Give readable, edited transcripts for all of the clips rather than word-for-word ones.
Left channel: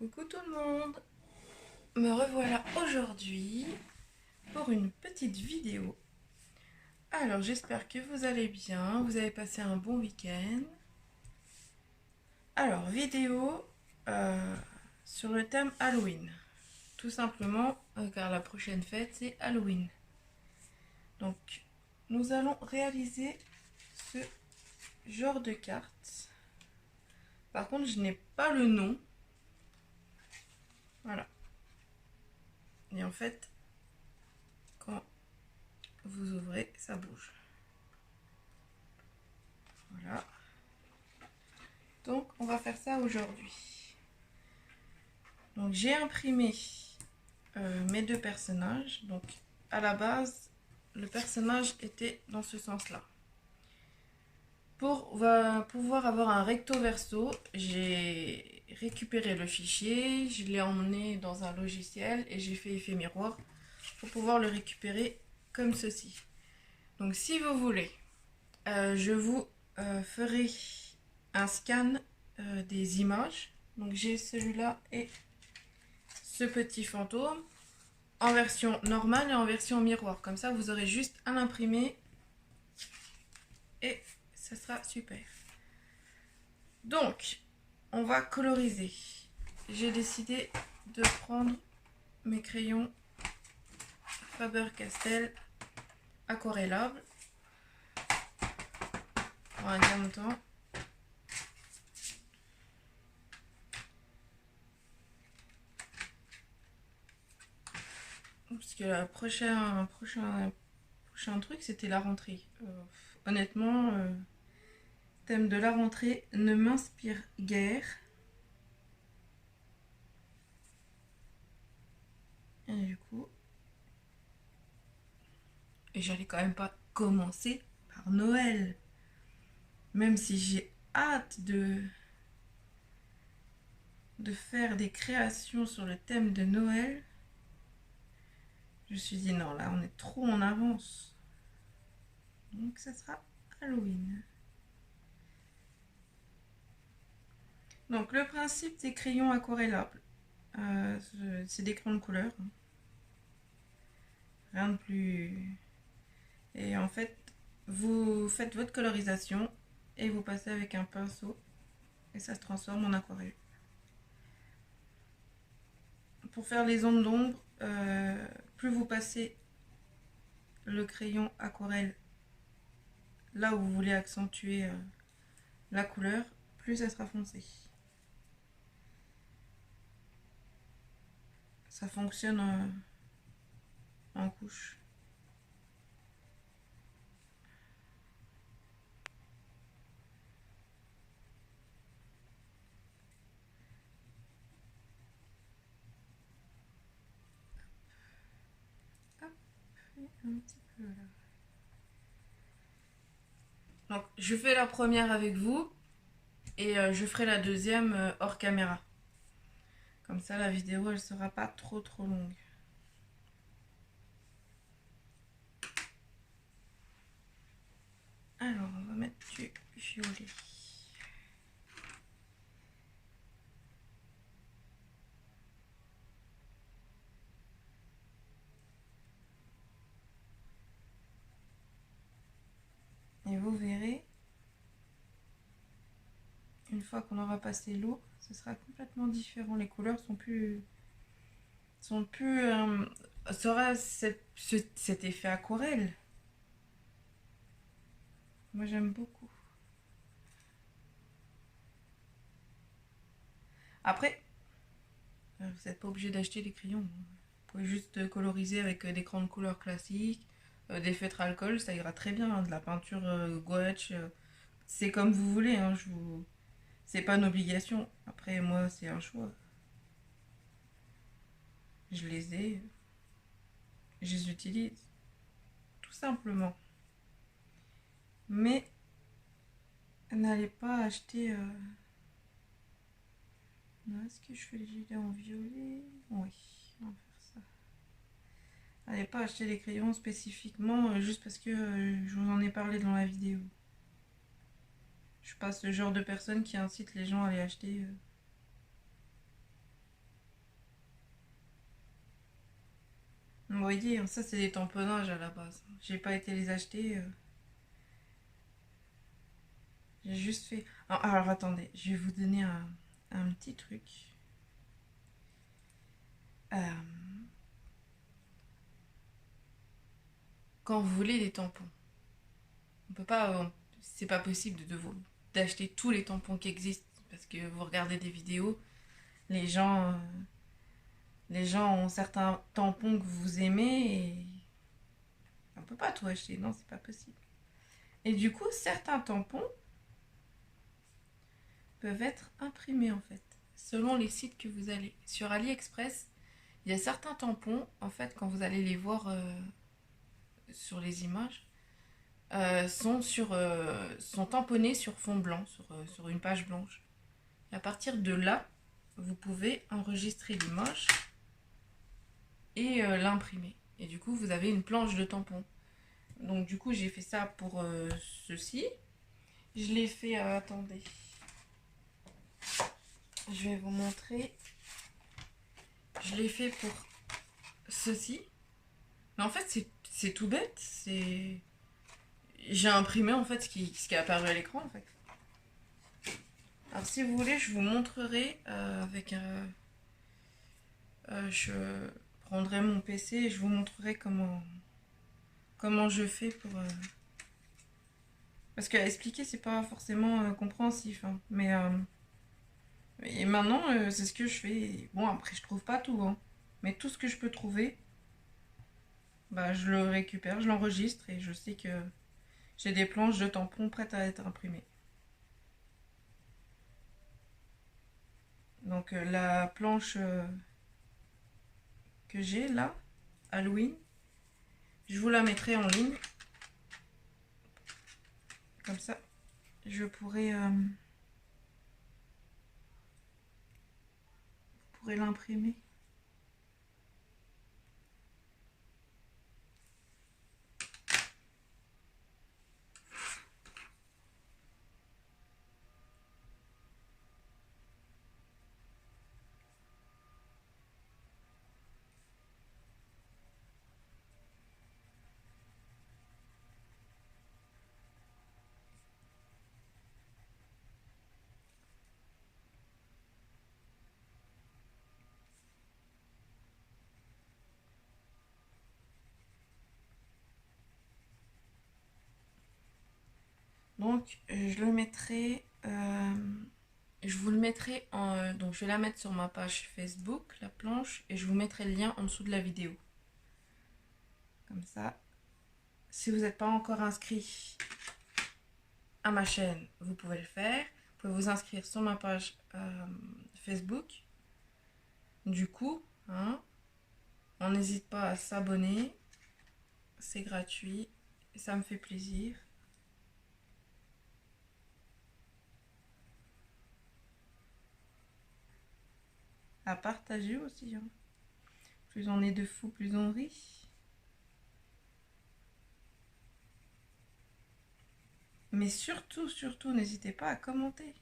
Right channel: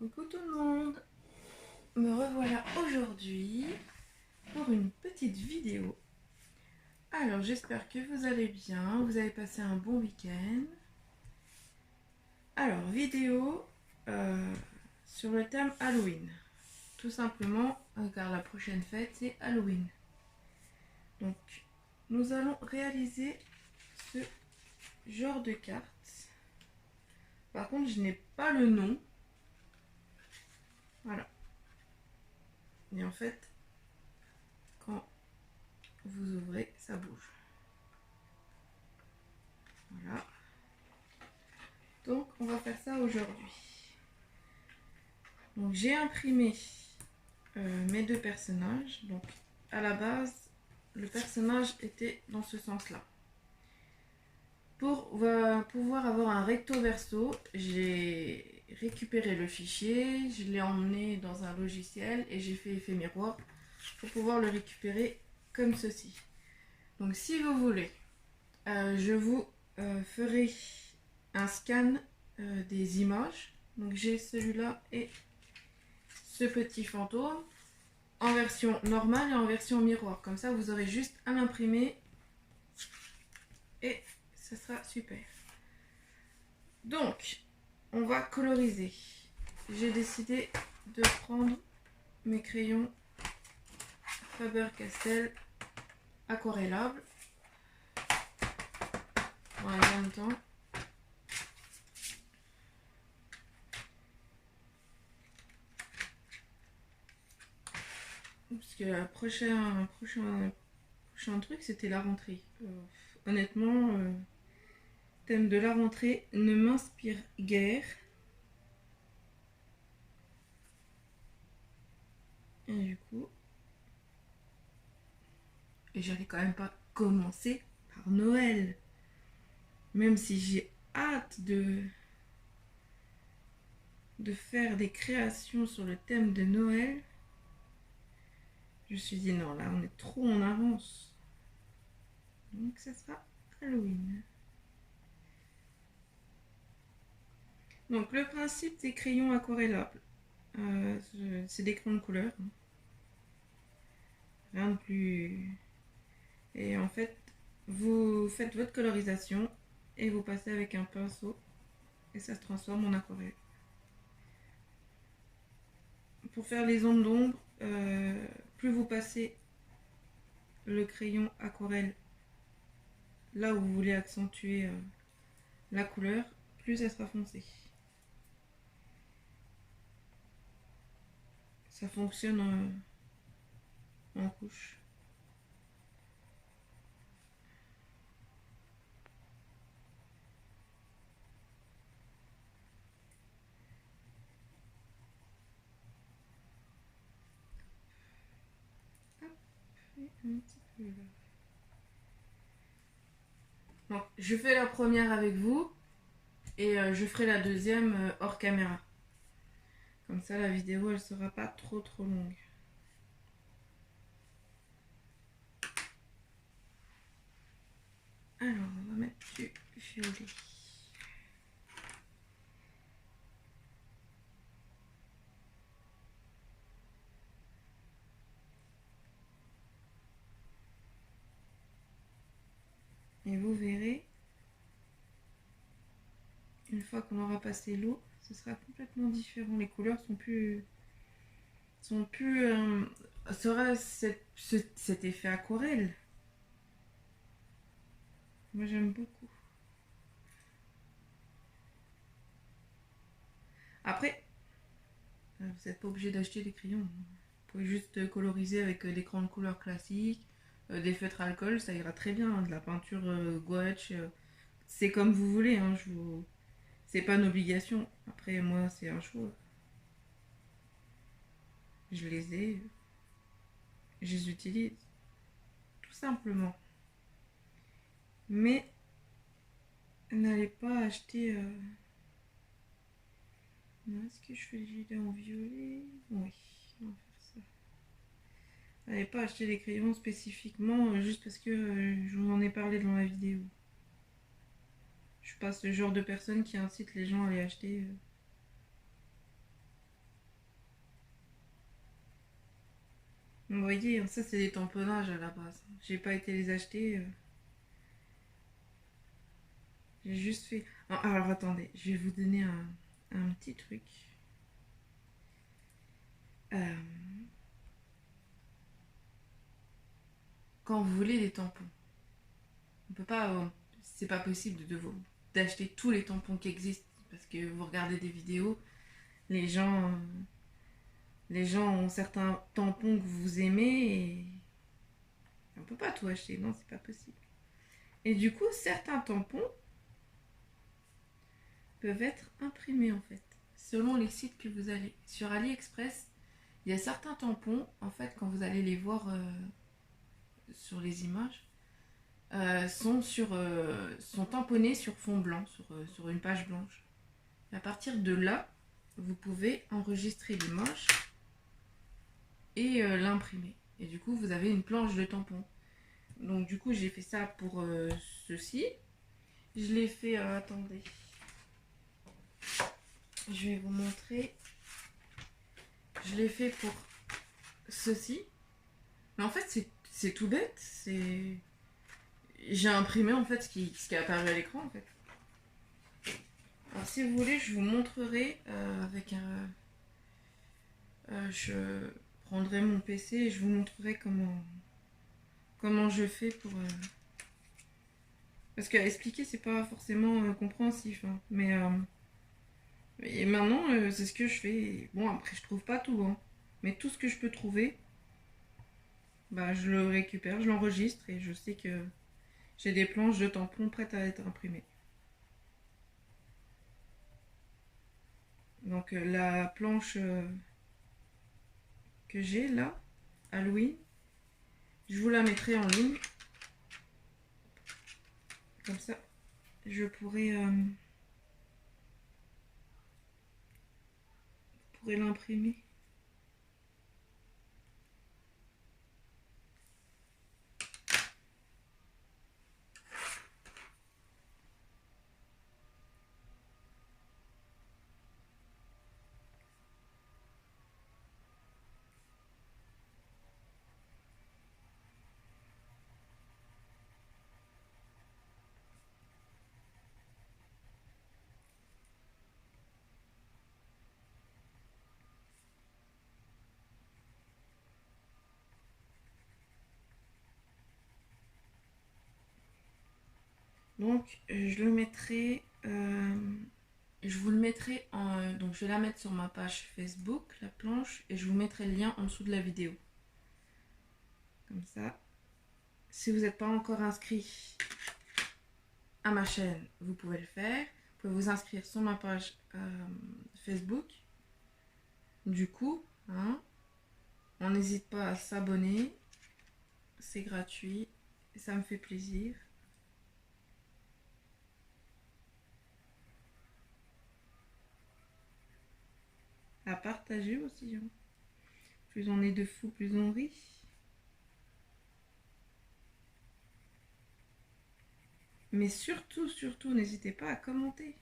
Coucou tout le monde, me revoilà aujourd'hui pour une petite vidéo. Alors j'espère que vous allez bien, vous avez passé un bon week-end. Alors vidéo sur le thème Halloween, tout simplement car la prochaine fête c'est Halloween. Donc nous allons réaliser ce genre de carte. Par contre je n'ai pas le nom. Voilà. Et en fait, quand vous ouvrez, ça bouge. Voilà. Donc, on va faire ça aujourd'hui. Donc, j'ai imprimé mes deux personnages. Donc, à la base, le personnage était dans ce sens-là. Pour pouvoir avoir un recto verso, j'ai récupéré le fichier, je l'ai emmené dans un logiciel et j'ai fait effet miroir pour pouvoir le récupérer comme ceci. Donc si vous voulez, je vous ferai un scan des images. Donc j'ai celui-là et ce petit fantôme en version normale et en version miroir. Comme ça, vous aurez juste à l'imprimer et ça sera super. Donc, on va coloriser. J'ai décidé de prendre mes crayons Faber-Castell aquarellables en même temps. Parce que le prochain truc, c'était la rentrée. Honnêtement, thème de la rentrée ne m'inspire guère. Et du coup, j'allais quand même pas commencer par Noël. Même si j'ai hâte de faire des créations sur le thème de Noël, je me suis dit non, là on est trop en avance. Donc ça sera Halloween. Donc le principe des crayons aquarellables, c'est des crayons de couleur. Rien de plus. Et en fait, vous faites votre colorisation et vous passez avec un pinceau et ça se transforme en aquarelle. Pour faire les zones d'ombre, plus vous passez le crayon aquarelle là où vous voulez accentuer la couleur, plus ça sera foncé. Ça fonctionne en couche. Hop, et un petit peu là. Donc, je fais la première avec vous et je ferai la deuxième hors caméra. Comme ça, la vidéo, elle sera pas trop longue. Alors, on va mettre du violet. Et vous verrez, une fois qu'on aura passé l'eau, ce sera complètement différent. Les couleurs sont plus sera cet effet aquarelle. Moi j'aime beaucoup. Après, vous n'êtes pas obligé d'acheter des crayons. Vous pouvez juste coloriser avec des crayons de couleur classiques, des feutres alcool, ça ira très bien. Hein, de la peinture gouache, c'est comme vous voulez. Hein, c'est pas une obligation. Après, moi, c'est un choix. Je les utilise, tout simplement. Mais n'allez pas acheter. Est-ce que je fais le gilet en violet? Oui, on va faire ça. N'allez pas acheter les crayons spécifiquement juste parce que je vous en ai parlé dans la vidéo. Je suis pas ce genre de personne qui incite les gens à les acheter Vous voyez, ça c'est des tamponnages à la base. J'ai pas été les acheter. J'ai juste fait... Alors attendez, je vais vous donner un petit truc. Euh, quand vous voulez les tampons, on peut pas... c'est pas possible d'acheter tous les tampons qui existent. Parce que vous regardez des vidéos, les gens... les gens ont certains tampons que vous aimez et... on peut pas tout acheter, non, c'est pas possible. Et du coup, certains tampons peuvent être imprimés en fait, selon les sites que vous allez. Sur AliExpress, il y a certains tampons, en fait, quand vous allez les voir sur les images, sont tamponnés sur fond blanc, sur une page blanche. Et à partir de là, vous pouvez enregistrer l'image et l'imprimer. Et du coup, vous avez une planche de tampons. Donc du coup, j'ai fait ça pour ceci. Je l'ai fait, attendez. Je vais vous montrer. Je l'ai fait pour ceci. Mais en fait, c'est tout bête. J'ai imprimé en fait ce qui est apparu à l'écran en fait. Alors si vous voulez, je vous montrerai avec un... je prendrai mon PC et je vous montrerai comment je fais pour... Parce qu'à expliquer, c'est pas forcément compréhensif. Hein. Et maintenant, c'est ce que je fais. Bon, après, je trouve pas tout. Hein. Mais tout ce que je peux trouver, bah, je le récupère, je l'enregistre et je sais que j'ai des planches de tampons prêtes à être imprimées. Donc la planche que j'ai là, Halloween, je vous la mettrai en ligne. Comme ça, je pourrai l'imprimer. Donc je le mettrai... je vous le mettrai en... donc je vais la mettre sur ma page Facebook, la planche, et je vous mettrai le lien en dessous de la vidéo. Comme ça. Si vous n'êtes pas encore inscrit à ma chaîne, vous pouvez le faire. Vous pouvez vous inscrire sur ma page Facebook. Du coup, hein, on n'hésite pas à s'abonner. C'est gratuit. Ça me fait plaisir. À partager aussi. Hein. Plus on est de fous, plus on rit. Mais surtout, surtout, n'hésitez pas à commenter.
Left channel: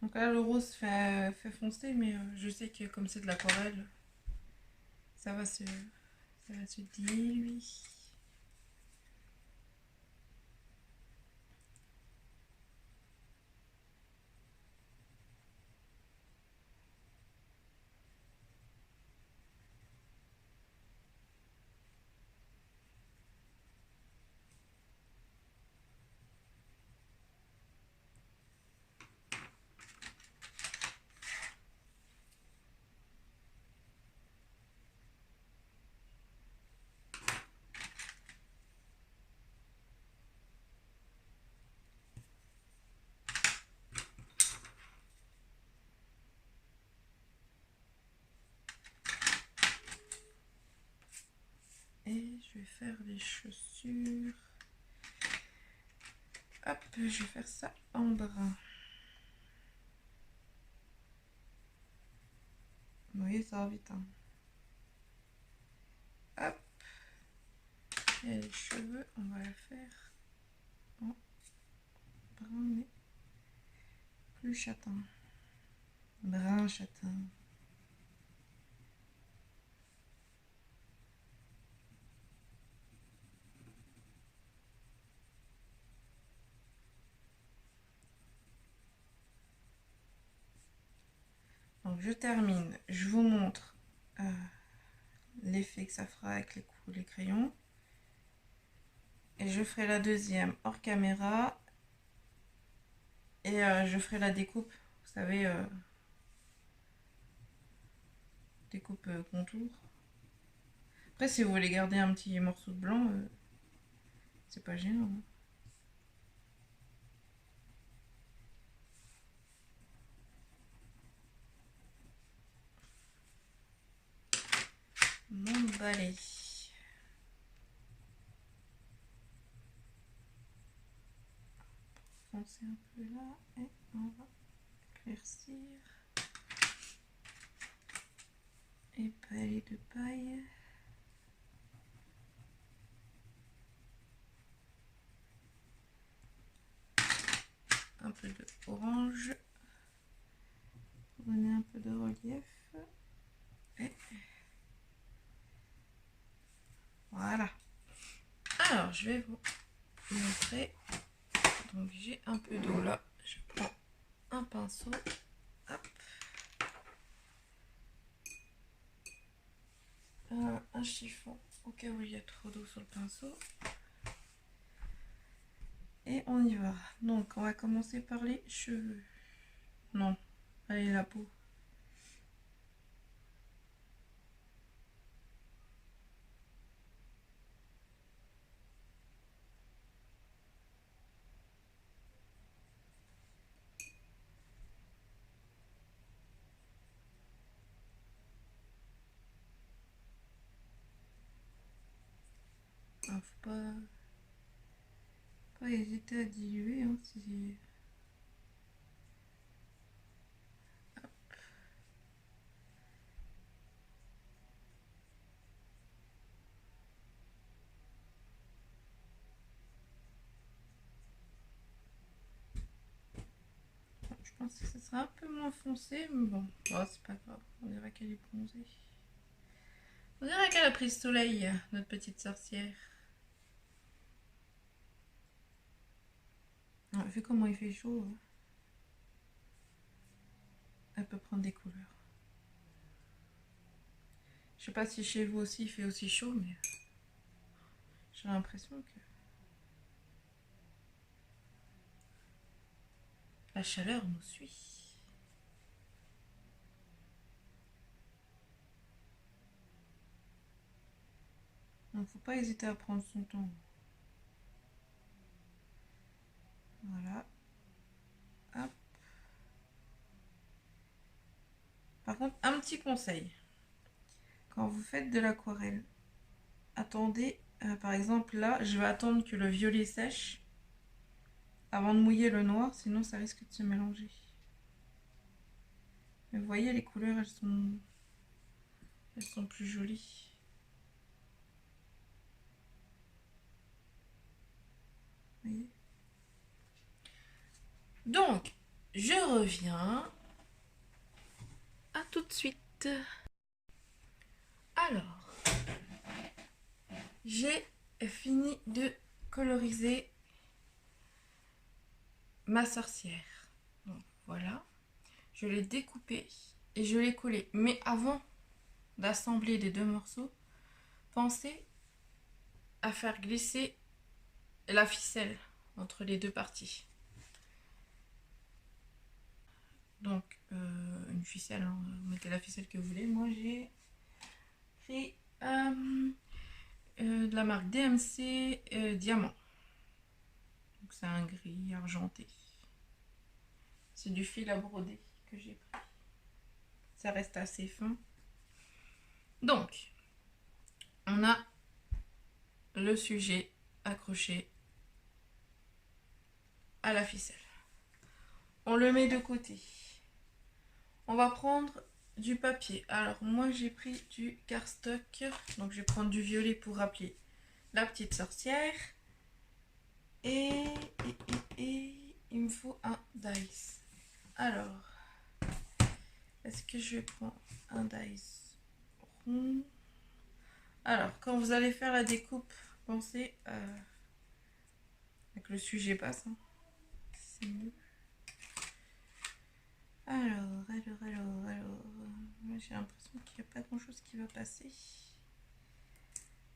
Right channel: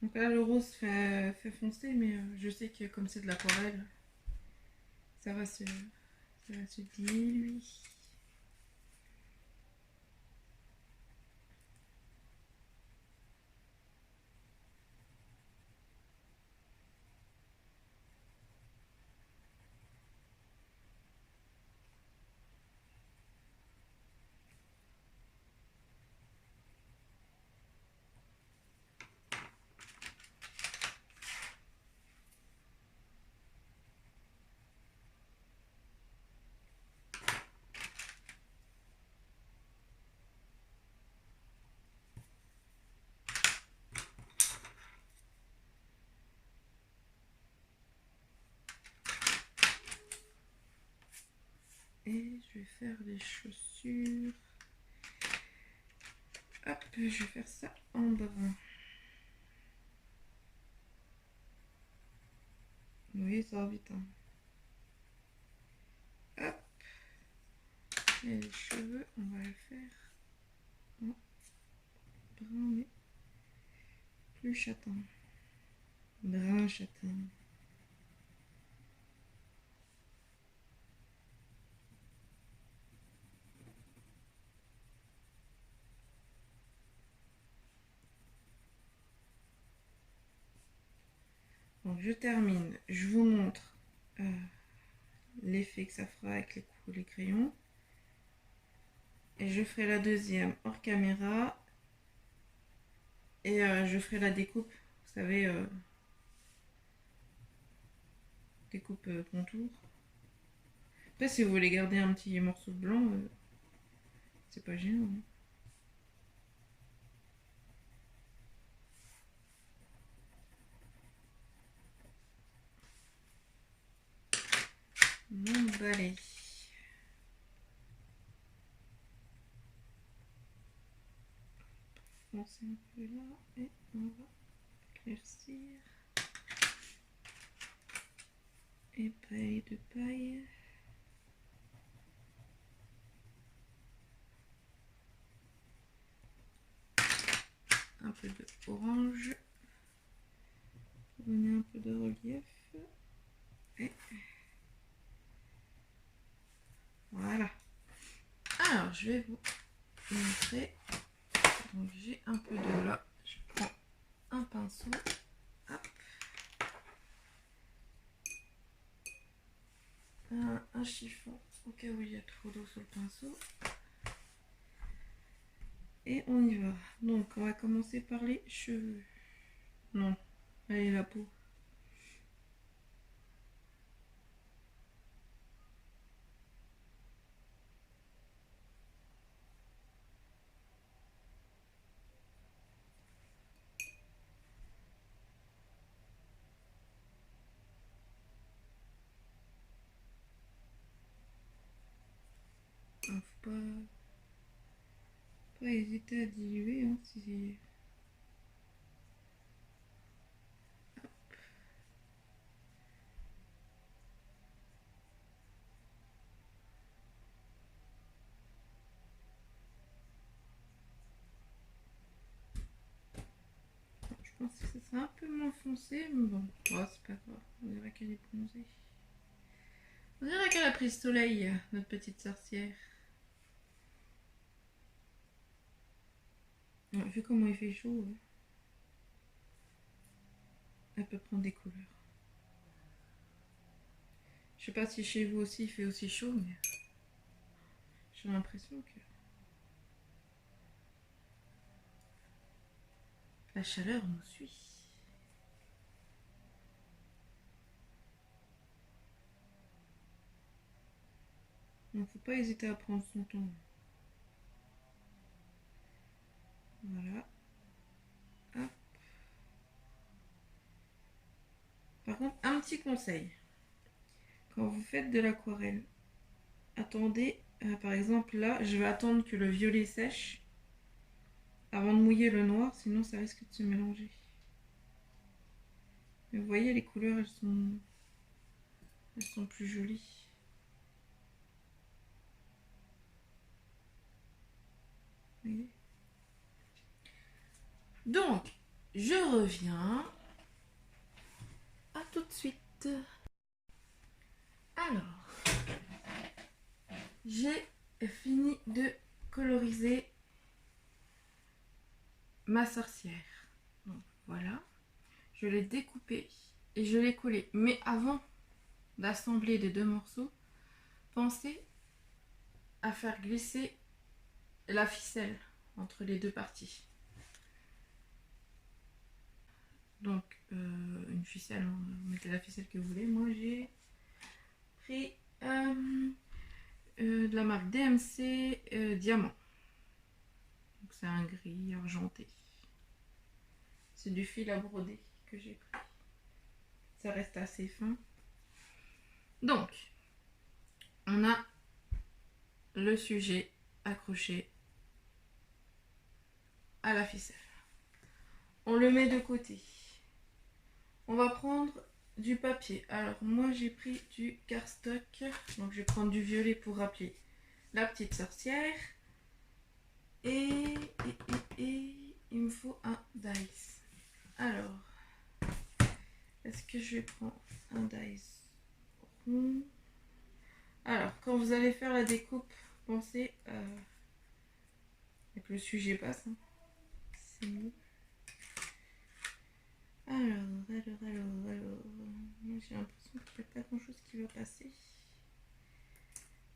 Donc là, le rose fait foncer, mais je sais que comme c'est de l'aquarelle, ça va se diluer. Et je vais faire des chaussures. Hop, je vais faire ça en brun. Vous voyez, ça va vite. Hein. Hop. Et les cheveux, on va les faire en brun, mais plus châtain. Brun châtain. Donc je termine, je vous montre l'effet que ça fera avec les crayons. Et je ferai la deuxième hors caméra. Et je ferai la découpe, vous savez, découpe contour. Après, si vous voulez garder un petit morceau de blanc, c'est pas gênant. Hein. Mon balai. Foncer un peu là et on va éclaircir. Et balai de paille. Un peu d'orange. Donner un peu de relief. Et voilà. Alors, je vais vous montrer. Donc, j'ai un peu de là. Je prends un pinceau. Hop. Un chiffon au cas où il y a trop d'eau sur le pinceau. Et on y va. Donc, on va commencer par les cheveux. Non, allez, la peau. Ah, faut pas hésiter à diluer. Hein, si... Je pense que ce sera un peu moins foncé, mais bon, oh, c'est pas grave. On dirait qu'elle est bronzée. On dirait qu'elle a pris le soleil, notre petite sorcière. Vu comment il fait chaud, elle peut prendre des couleurs. Je sais pas si chez vous aussi il fait aussi chaud, mais j'ai l'impression que la chaleur nous suit. Donc faut pas hésiter à prendre son temps. Voilà. Hop. Par contre, un petit conseil. Quand vous faites de l'aquarelle, attendez, par exemple là, je vais attendre que le violet sèche avant de mouiller le noir, sinon ça risque de se mélanger. Mais vous voyez, les couleurs, elles sont plus jolies. Vous voyez ? Donc, je reviens. À tout de suite. Alors, j'ai fini de coloriser ma sorcière. Donc voilà, je l'ai découpée et je l'ai collée. Mais avant d'assembler les deux morceaux, pensez à faire glisser la ficelle entre les deux parties. Donc une ficelle, hein, mettez la ficelle que vous voulez. Moi j'ai pris de la marque DMC Diamant. Donc c'est un gris argenté. C'est du fil à broder que j'ai pris. Ça reste assez fin. Donc, on a le sujet accroché à la ficelle. On le met de côté. On va prendre du papier. Alors moi j'ai pris du cardstock. Donc je vais prendre du violet pour rappeler la petite sorcière. Et il me faut un dice. Alors, est-ce que je vais prendre un dice rond? Alors, quand vous allez faire la découpe, pensez que le sujet passe. Hein. C'est mieux. Alors. Moi, j'ai l'impression qu'il n'y a pas grand-chose qui va passer.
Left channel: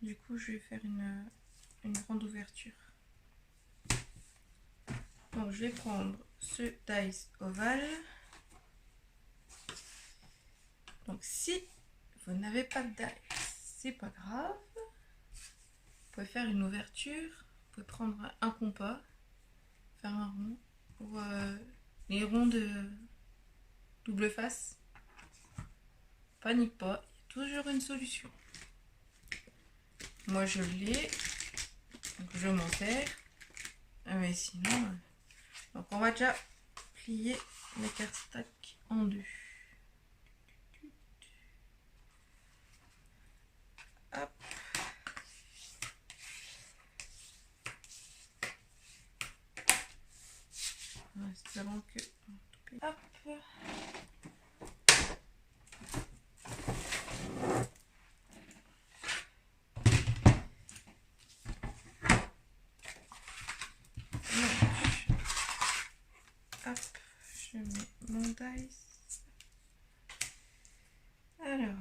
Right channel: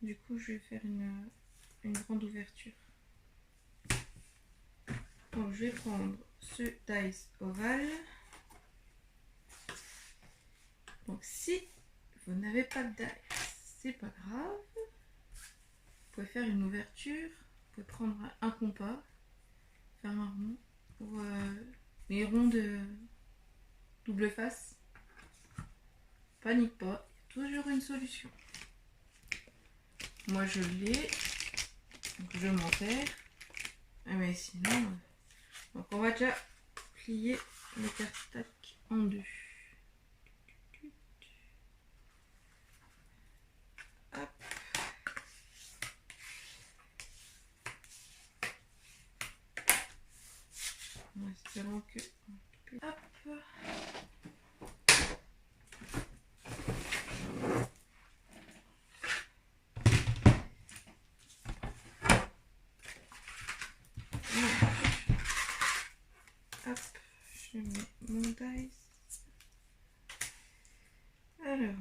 Du coup, je vais faire une grande ouverture. Donc, je vais prendre ce dice ovale. Donc, si vous n'avez pas de dice, c'est pas grave. Vous pouvez faire une ouverture. Vous pouvez prendre un compas, faire un rond ou les ronds de double face. Panique pas, il y a toujours une solution. Moi, je l'ai. Donc, je m'en sers. Mais sinon... Donc, on va déjà plier le cardstock en deux. Hop. En espérant que... Hop. Je mets mon dice. Alors,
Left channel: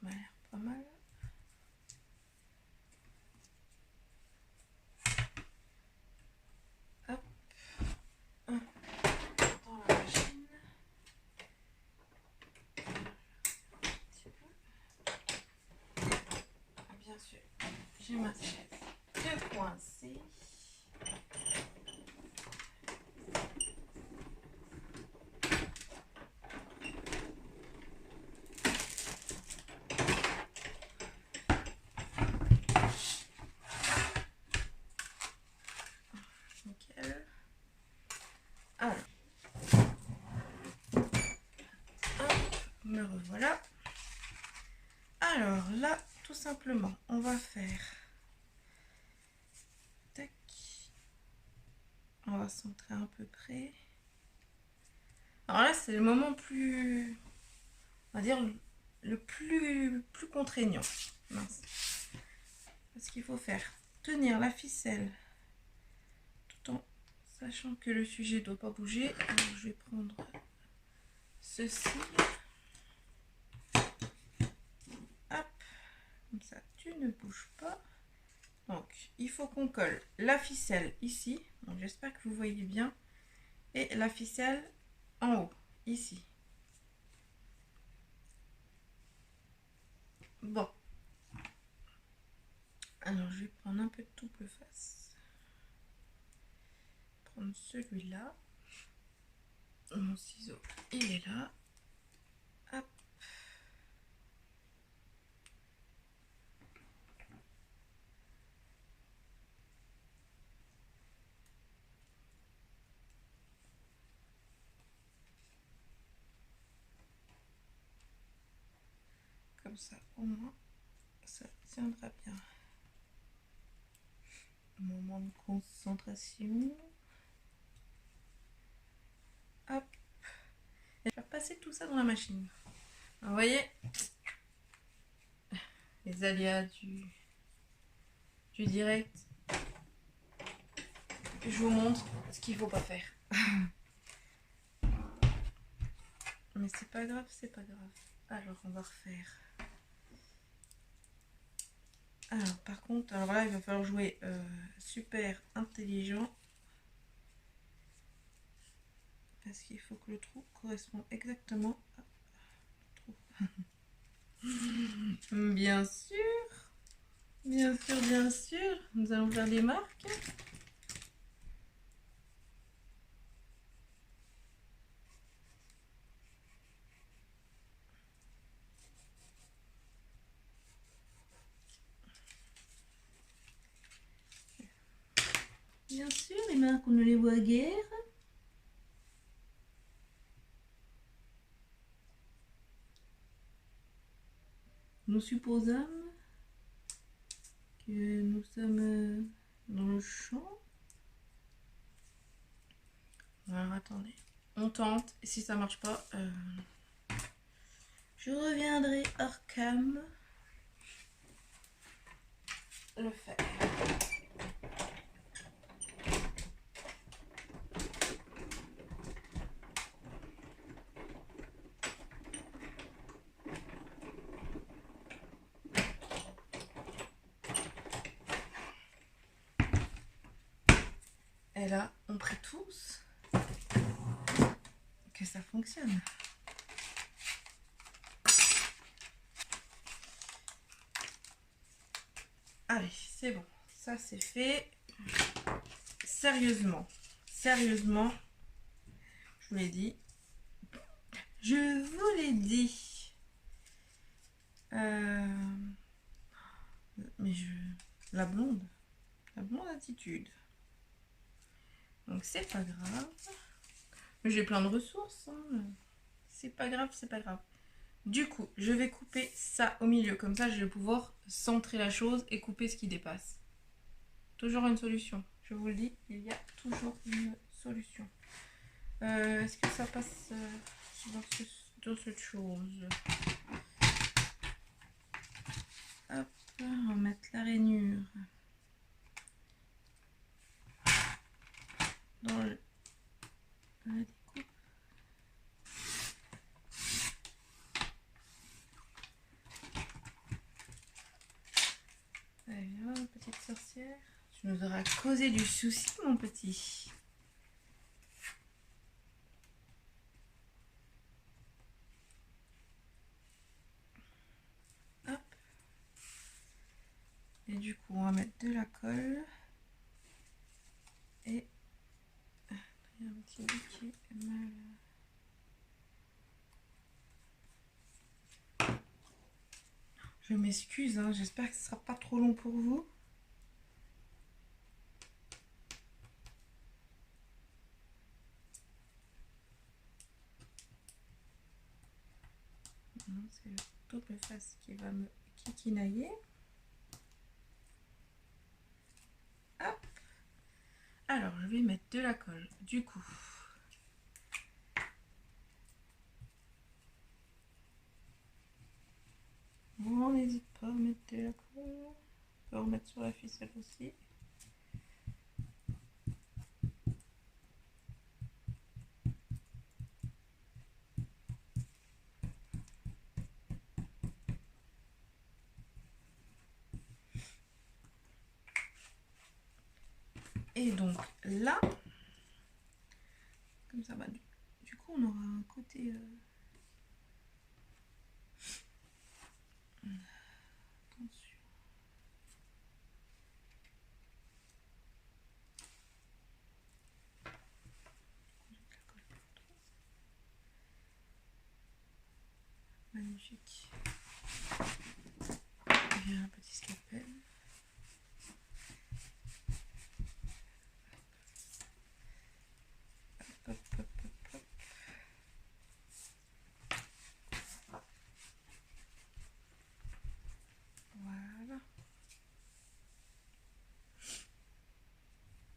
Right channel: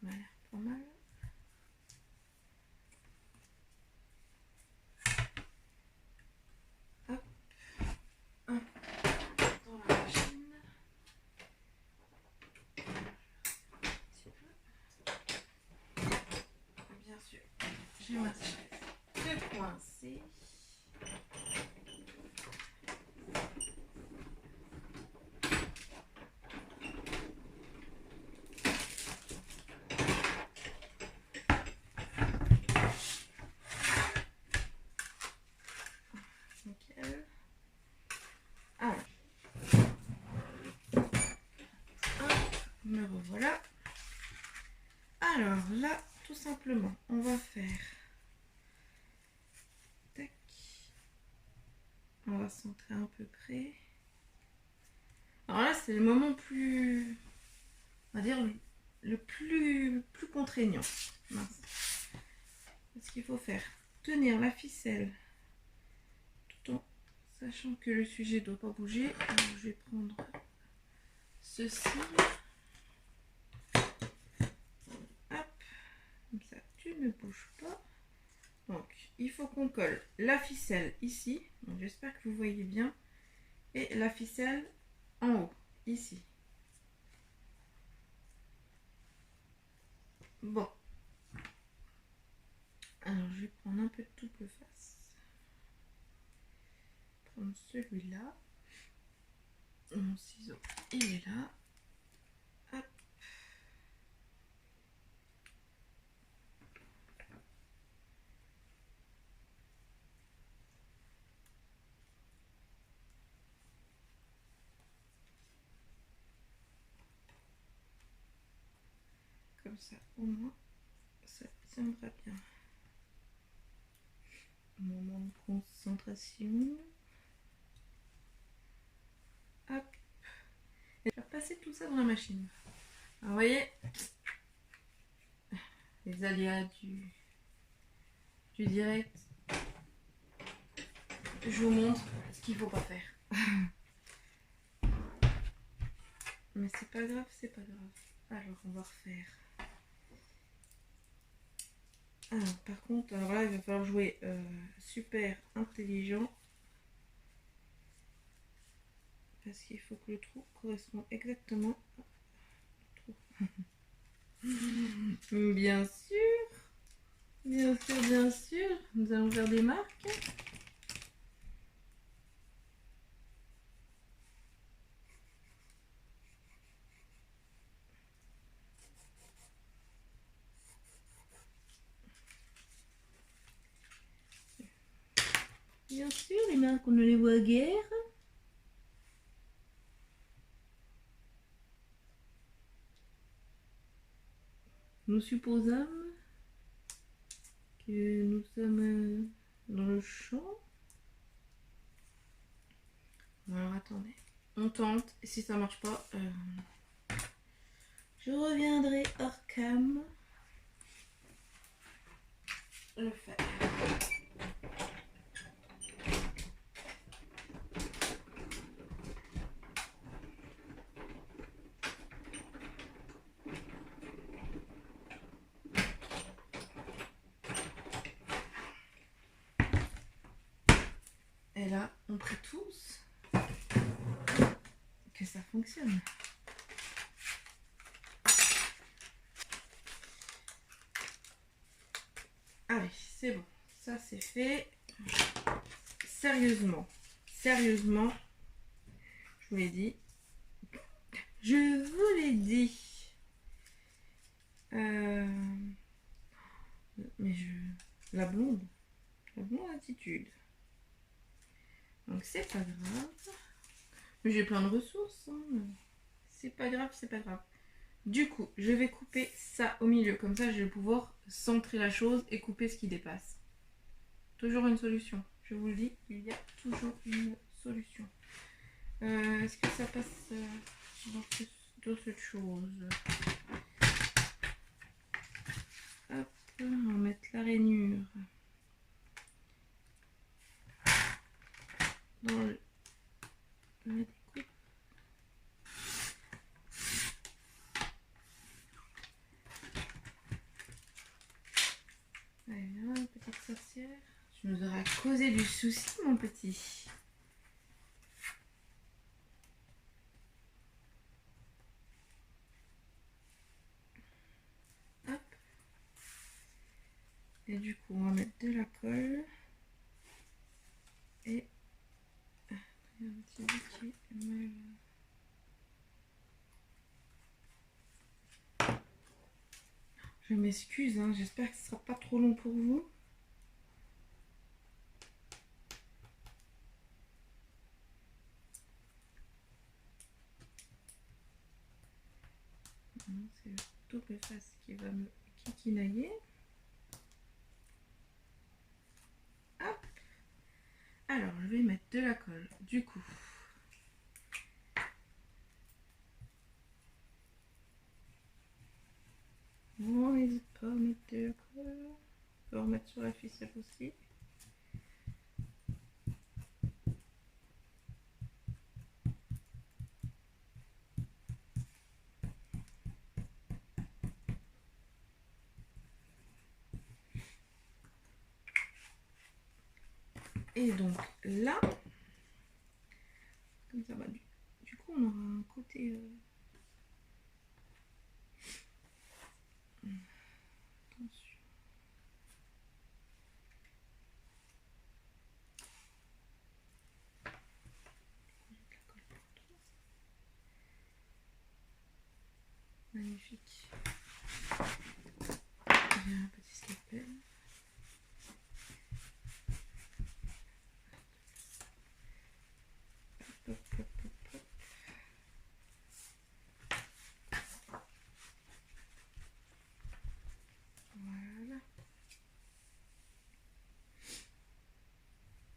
ça m'a l'air pas mal. Hop, un dans la machine. Bien sûr, j'ai ma chaise de coincer. Me revoilà. Alors là, tout simplement, on va faire... Tac. On va centrer à peu près. Alors là, c'est le moment plus... On va dire le plus contraignant. Mince. Parce qu'il faut faire tenir la ficelle tout en sachant que le sujet ne doit pas bouger. Alors, je vais prendre ceci. Comme ça, tu ne bouges pas. Donc, il faut qu'on colle la ficelle ici. Donc, j'espère que vous voyez bien. Et la ficelle en haut, ici. Bon. Alors, je vais prendre un peu de double face. Prendre celui-là. Mon ciseau, il est là. Hop. Comme ça, au moins, ça tiendra bien. Moment de concentration. Hop. Et je vais passer tout ça dans la machine. Vous voyez les aléas du direct. Je vous montre ce qu'il ne faut pas faire. Mais c'est pas grave, c'est pas grave. Alors, on va refaire. Alors, par contre, alors là, il va falloir jouer super intelligent. Parce qu'il faut que le trou corresponde exactement à le trou. Bien sûr. Bien sûr, bien sûr. Nous allons faire des marques. Bien sûr, les marques, on ne les voit guère. Nous supposons que nous sommes dans le champ. Alors attendez, on tente, et si ça marche pas, je reviendrai hors cam le faire. Et là, on prie tous que ça fonctionne. Allez, c'est bon. Ça, c'est fait. Sérieusement. Sérieusement. Je vous l'ai dit. Je vous l'ai dit. Mais je... La blonde. La blonde attitude. Donc, c'est pas grave. Mais j'ai plein de ressources. Hein. C'est pas grave, c'est pas grave. Du coup, je vais couper ça au milieu. Comme ça, je vais pouvoir centrer la chose et couper ce qui dépasse. Toujours une solution. Je vous le dis, il y a toujours une solution. Est-ce que ça passe dans cette chose? Hop, on va mettre la rainure dans la découpe. Allez, là, petite sorcière. Tu nous auras causé du souci, mon petit. Hop. Et du coup, on va mettre de la colle. Et un petit bout qui est mal. Je m'excuse, hein, j'espère que ce ne sera pas trop long pour vous. C'est le double face qui va me kikinailler. Hop. Alors, je vais mettre de la colle. Du coup, on n'hésite pas à mettre de la colle. On peut en mettre sur la ficelle aussi. Et donc là, comme ça, du coup, on aura un côté... Attention. Magnifique. J'ai un petit scalpel. Hop, hop, hop, hop, hop. Voilà.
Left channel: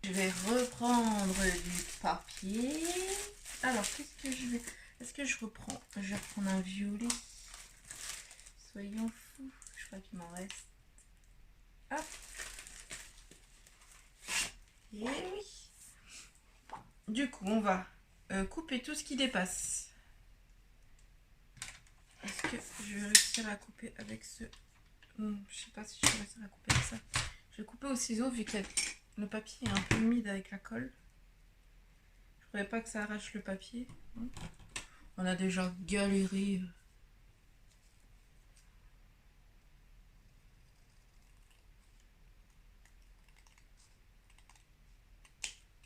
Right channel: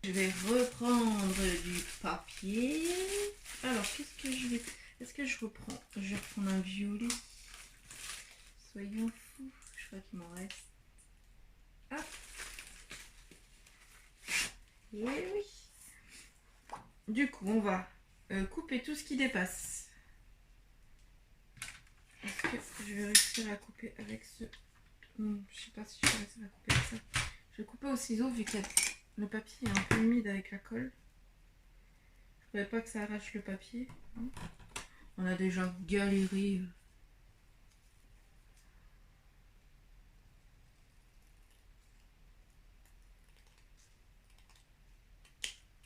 Je vais reprendre du papier. Alors, qu'est-ce que je vais... Est-ce que je reprends? Je vais reprendre un violet. Soyons fous. Je crois qu'il m'en reste. Hop. Et oui. Du coup, on va couper tout ce qui dépasse. Est-ce que je vais réussir à couper avec ce... je sais pas si je vais réussir à couper avec ça. Je vais couper au ciseau vu que le papier est un peu humide avec la colle. Je ne voulais pas que ça arrache le papier. On a déjà galéré.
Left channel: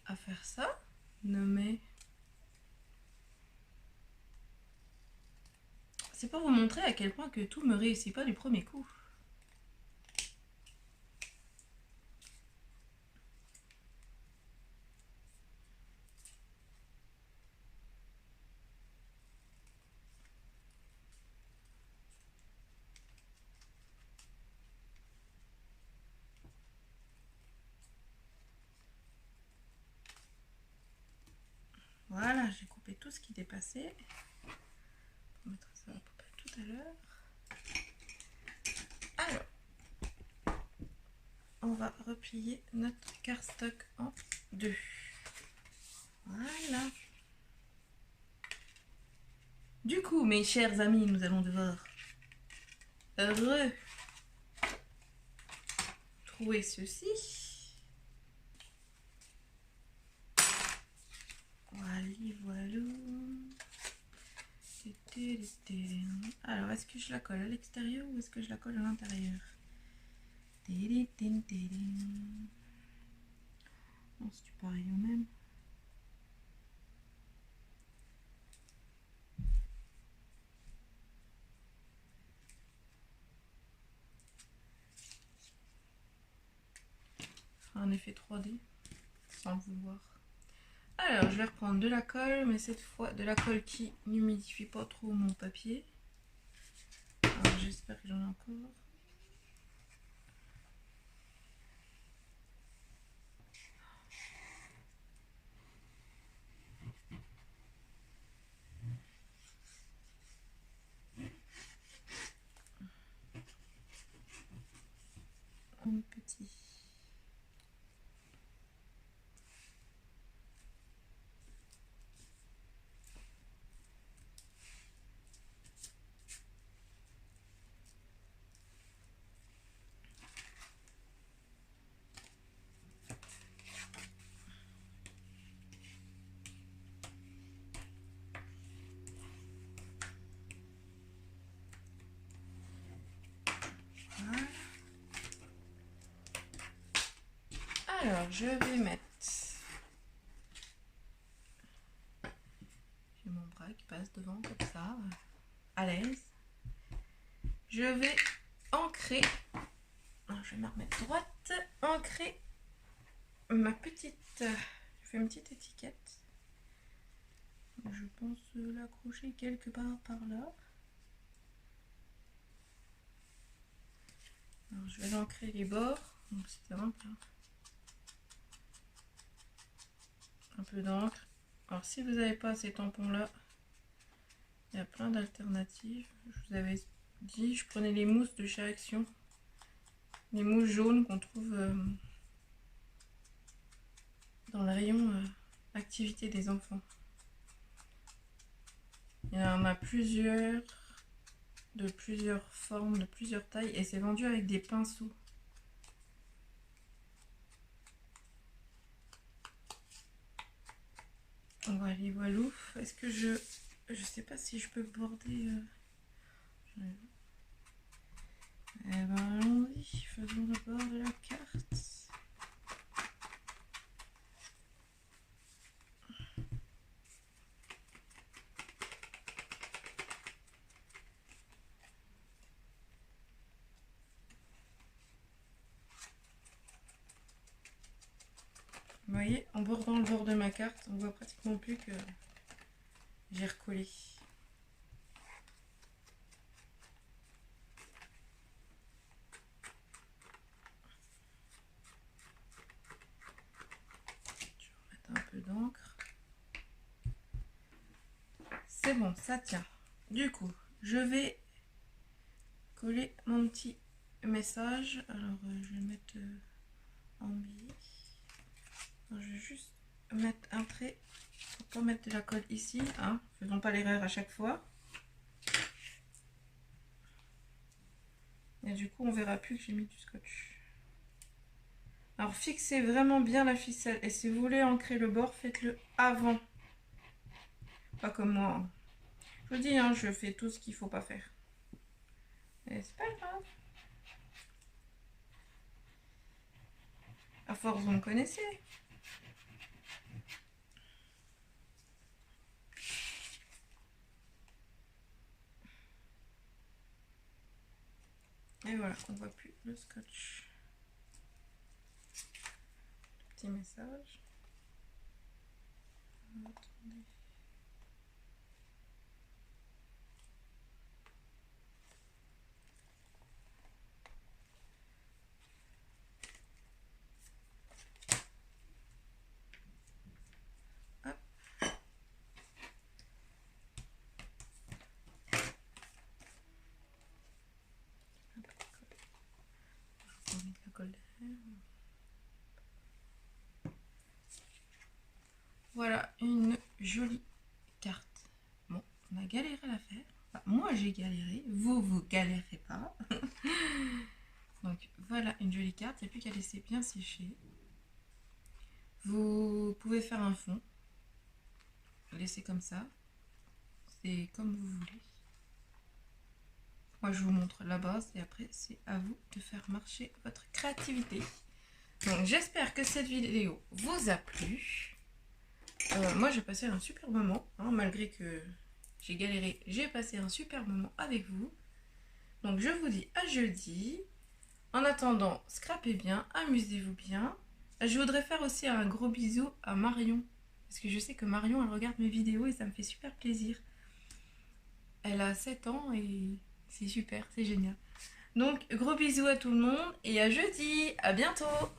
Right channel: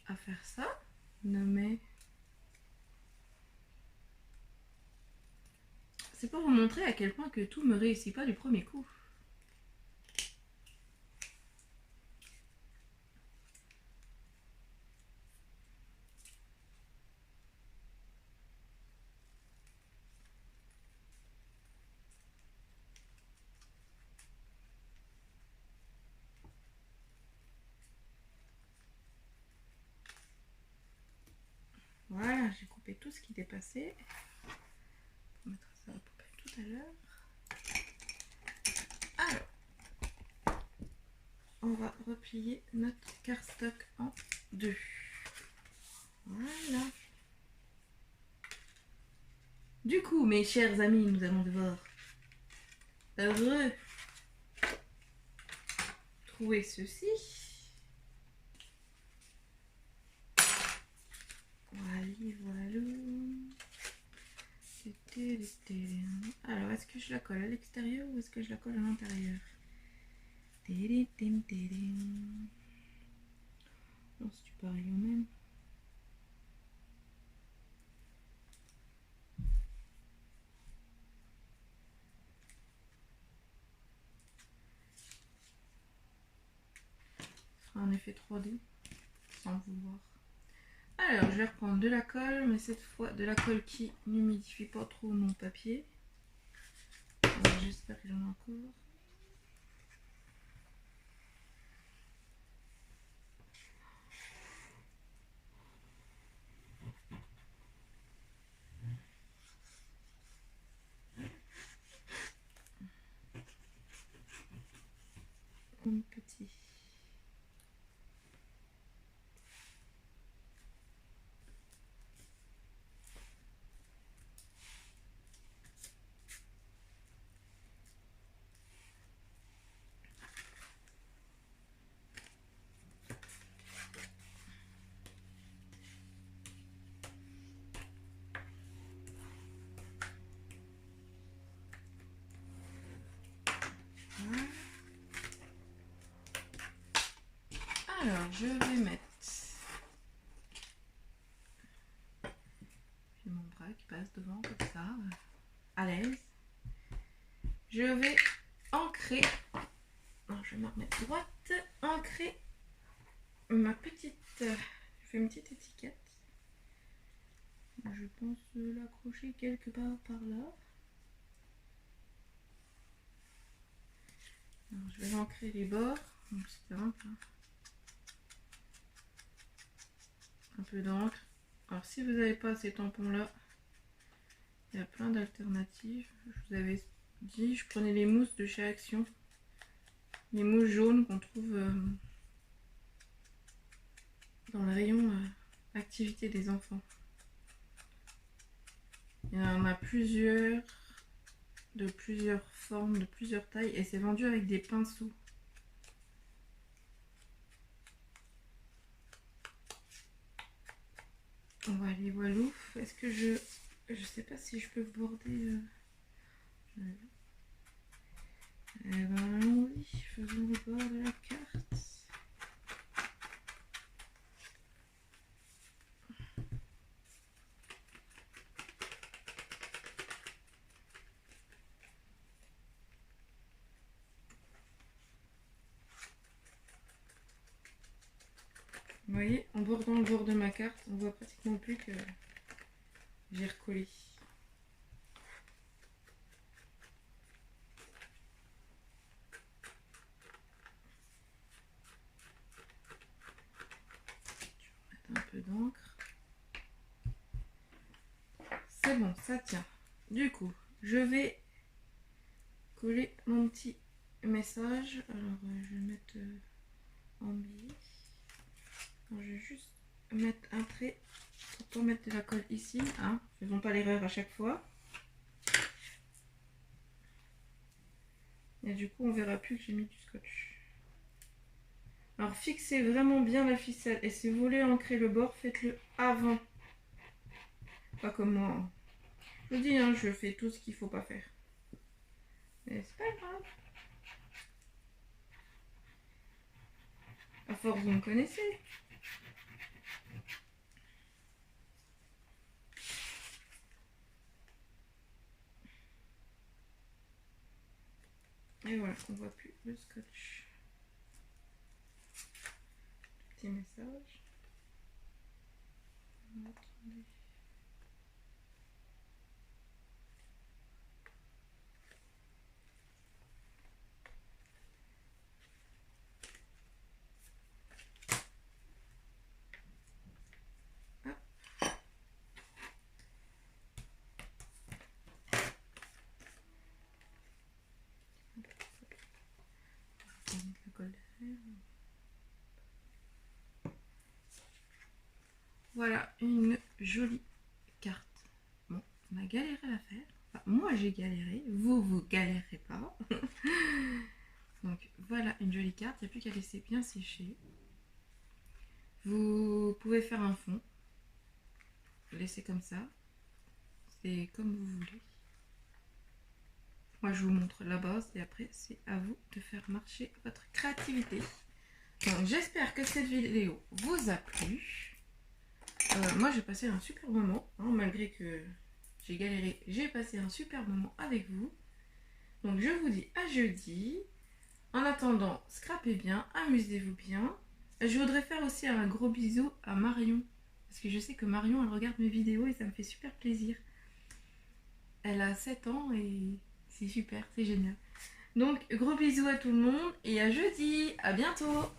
À faire ça. Non mais... C'est pour vous montrer à quel point que tout me réussit pas du premier coup. enlever tout ce qui dépassait. On mettra ça à peu près tout à l'heure. Alors, on va replier notre cardstock en deux. Voilà. Du coup, mes chers amis, nous allons devoir retrouver ceci. Voilà, voilà. Alors, est-ce que je la colle à l'extérieur ou est-ce que je la colle à l'intérieur? Non, c'est pareil au même. En effet 3D, sans vouloir. Alors, je vais reprendre de la colle, mais cette fois de la colle qui n'humidifie pas trop mon papier. J'espère que j'en ai encore. Un petit. Alors, je vais mettre mon bras qui passe devant comme ça, à l'aise. Je vais ancrer, non, je vais me remettre droite, ancrer ma petite, je fais une petite étiquette. Je pense l'accrocher quelque part par là. Alors, je vais ancrer les bords, donc c'est simple. Un peu d'encre. Alors si vous n'avez pas ces tampons là, il y a plein d'alternatives. Je vous avais dit, je prenais les mousses de chez Action, les mousses jaunes qu'on trouve dans le rayon activité des enfants. Il y en a plusieurs, de plusieurs formes, de plusieurs tailles, et c'est vendu avec des pinceaux. Voilà, voilà. Est-ce que je sais pas si je peux border. Eh ben allons-y, faisons le bord de la carte. Vous voyez, en bordant le bord de ma carte, on voit pratiquement plus que j'ai recollé. Je vais mettre un peu d'encre. C'est bon, ça tient. Du coup, je vais coller mon petit message. Alors, je vais mettre en billet. Je vais juste mettre un trait pour pas mettre de la colle ici. Hein. Faisons pas l'erreur à chaque fois. Et du coup, on verra plus que j'ai mis du scotch. Alors, fixez vraiment bien la ficelle. Et si vous voulez ancrer le bord, faites-le avant. Pas comme moi. Hein. Je vous dis, hein, je fais tout ce qu'il faut pas faire. Mais c'est pas grave. À force, vous me connaissez. Et voilà, on voit plus le scotch. Petit message. Attendez. Hop. voilà une jolie carte. Bon, on a galéré à la faire. Enfin, moi j'ai galéré, vous galérez pas. Donc voilà une jolie carte, il n'y a plus qu'à laisser bien sécher. Vous pouvez faire un fond, laisser comme ça, c'est comme vous voulez. Moi je vous montre la base et après c'est à vous de faire marcher votre créativité. Donc j'espère que cette vidéo vous a plu. Moi j'ai passé un super moment, hein, malgré que j'ai galéré, j'ai passé un super moment avec vous. Donc je vous dis à jeudi. En attendant, scrapez bien, amusez-vous bien. Je voudrais faire aussi un gros bisou à Marion. Parce que je sais que Marion, elle regarde mes vidéos et ça me fait super plaisir. Elle a 7 ans et c'est super, c'est génial. Donc gros bisous à tout le monde et à jeudi, à bientôt.